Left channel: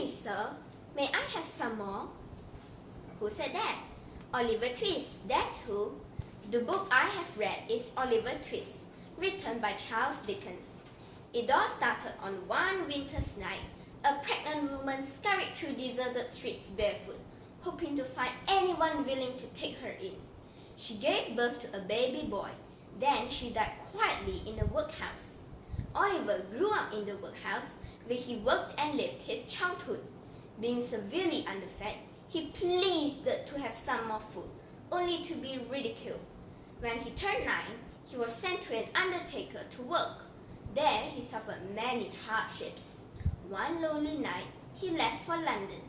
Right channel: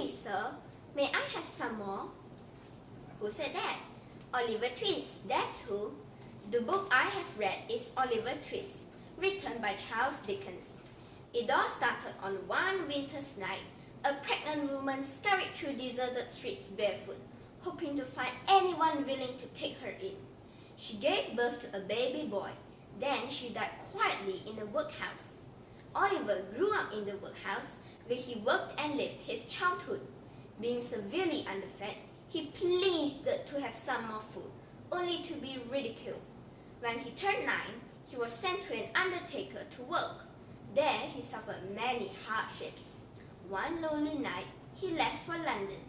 Please, sir, may I have some more? Who said that? Oliver Twist, that's who. The book I have read is Oliver Twist, written by Charles Dickens. It all started on one winter's night. A pregnant woman scurried through deserted streets barefoot, hoping to find anyone willing to take her in. She gave birth to a baby boy. Then she died quietly in the workhouse. Oliver grew up in the workhouse, where he worked and lived his childhood. Being severely underfed, he pleaded to have some more food, only to be ridiculed. When he turned 9, he was sent to an undertaker to work. There he suffered many hardships. One lonely night, he left for London.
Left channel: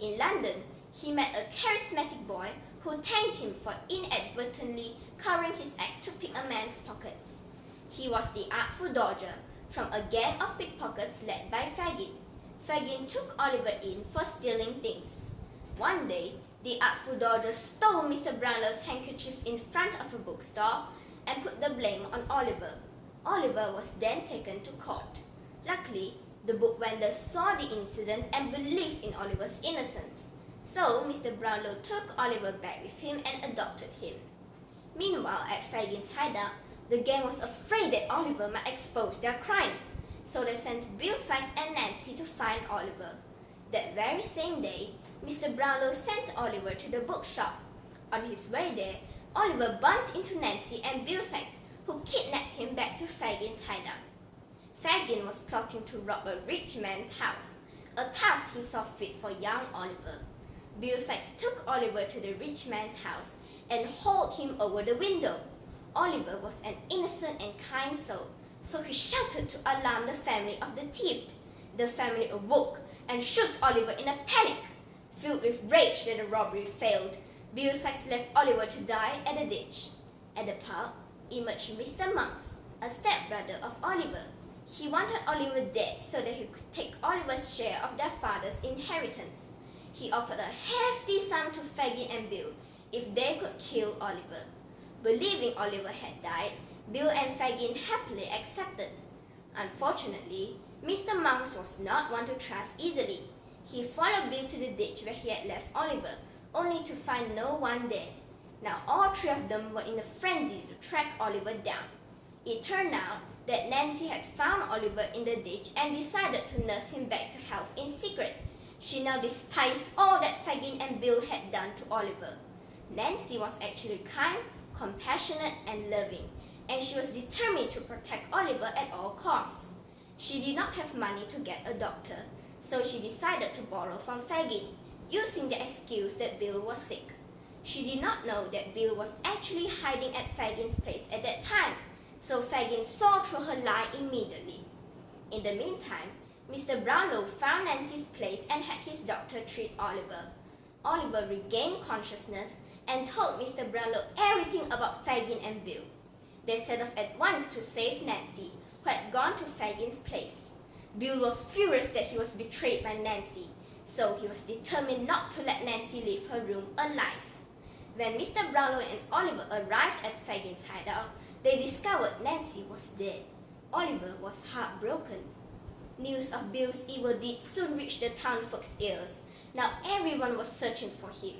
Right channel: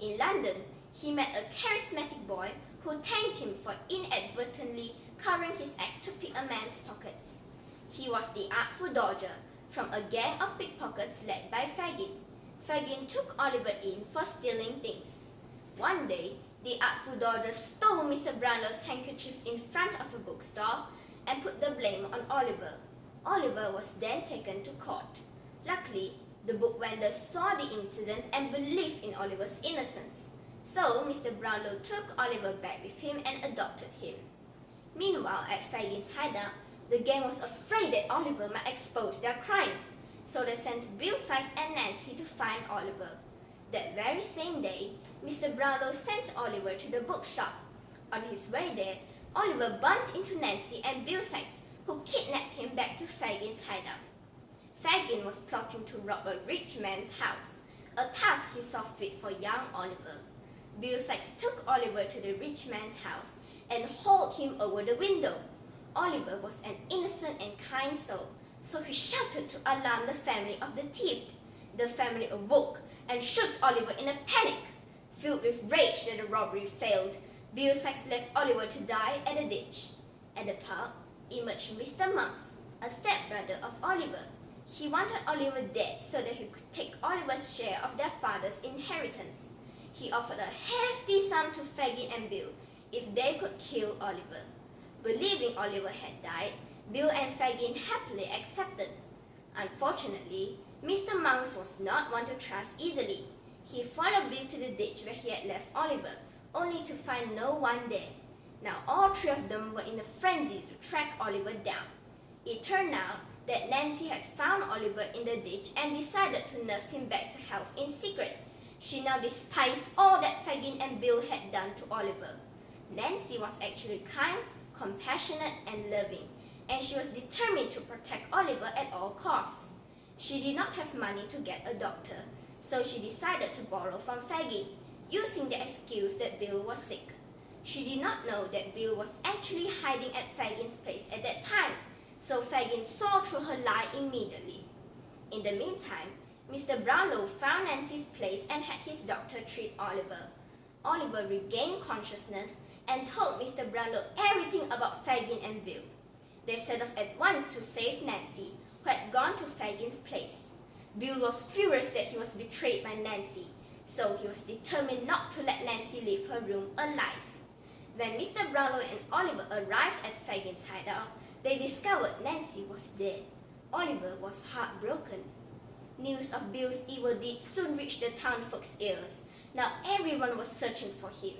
In London, he met a charismatic boy who thanked him for inadvertently covering his act to pick a man's pockets. He was the artful dodger from a gang of pickpockets led by Fagin. Fagin took Oliver in for stealing things. One day, the artful dodger stole Mr. Brownlow's handkerchief in front of a bookstore and put the blame on Oliver. Oliver was then taken to court. Luckily, the book vendor saw the incident and believed in Oliver's innocence. So, Mr. Brownlow took Oliver back with him and adopted him. Meanwhile, at Fagin's hideout, the gang was afraid that Oliver might expose their crimes, so they sent Bill Sikes and Nancy to find Oliver. That very same day, Mr. Brownlow sent Oliver to the bookshop. On his way there, Oliver bumped into Nancy and Bill Sikes, who kidnapped him back to Fagin's hideout. Fagin was plotting to rob a rich man's house, a task he saw fit for young Oliver. Bill Sikes took Oliver to the rich man's house and hauled him over the window. Oliver was an innocent and kind soul, so he shouted to alarm the family of the thief. The family awoke and shook Oliver in a panic. Filled with rage that the robbery failed, Bill Sikes left Oliver to die at the ditch. At the pub emerged Mr. Monks, a stepbrother of Oliver. He wanted Oliver dead so that he could take Oliver's share of their father's inheritance. He offered a hefty sum to Fagin and Bill if they could kill Oliver. Believing Oliver had died, Bill and Fagin happily accepted. Unfortunately, Mr. Monks was not one to trust easily. He followed Bill to the ditch where he had left Oliver, only to find no one there. Now all three of them were in a frenzy to track Oliver down. It turned out that Nancy had found Oliver in the ditch and decided to nurse him back to health in secret. She now despised all that Fagin and Bill had done to Oliver. Nancy was actually kind, compassionate, and loving, and she was determined to protect Oliver at all costs. She did not have money to get a doctor, so she decided to borrow from Fagin, using the excuse that Bill was sick. She did not know that Bill was actually hiding at Fagin's place at that time, so Fagin saw through her lie immediately. In the meantime, Mr. Brownlow found Nancy's place and had his doctor treat Oliver. Oliver regained consciousness and told Mr. Brownlow everything about Fagin and Bill. They set off at once to save Nancy, who had gone to Fagin's place. Bill was furious that he was betrayed by Nancy, so he was determined not to let Nancy leave her room alive. When Mr. Brownlow and Oliver arrived at Fagin's hideout, they discovered Nancy was dead. Oliver was heartbroken. News of Bill's evil deeds soon reached the townfolk's ears. Now everyone was searching for him.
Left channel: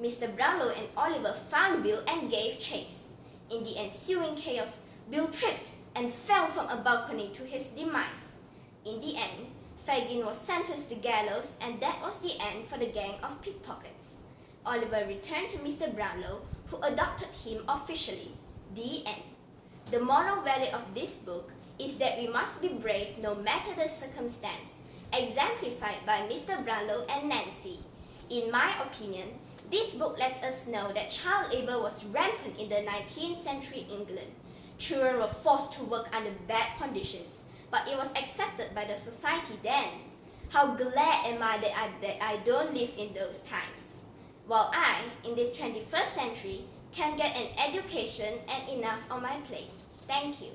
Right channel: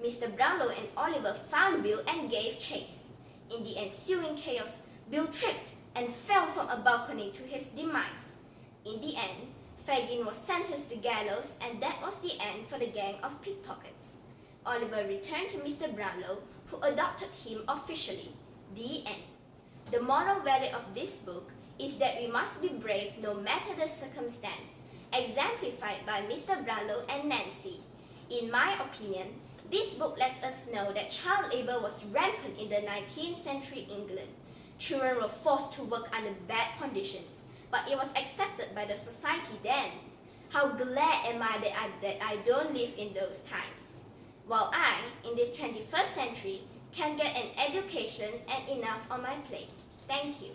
Mr. Brownlow and Oliver found Bill and gave chase. In the ensuing chaos, Bill tripped and fell from a balcony to his demise. In the end, Fagin was sentenced to gallows, and that was the end for the gang of pickpockets. Oliver returned to Mr. Brownlow, who adopted him officially. The end. The moral value of this book is that we must be brave no matter the circumstance, exemplified by Mr. Brownlow and Nancy. In my opinion, this book lets us know that child labor was rampant in the 19th century England. Children were forced to work under bad conditions, but it was accepted by the society then. How glad am I that I don't live in those times, while I, in this 21st century, can get an education and enough on my plate. Thank you.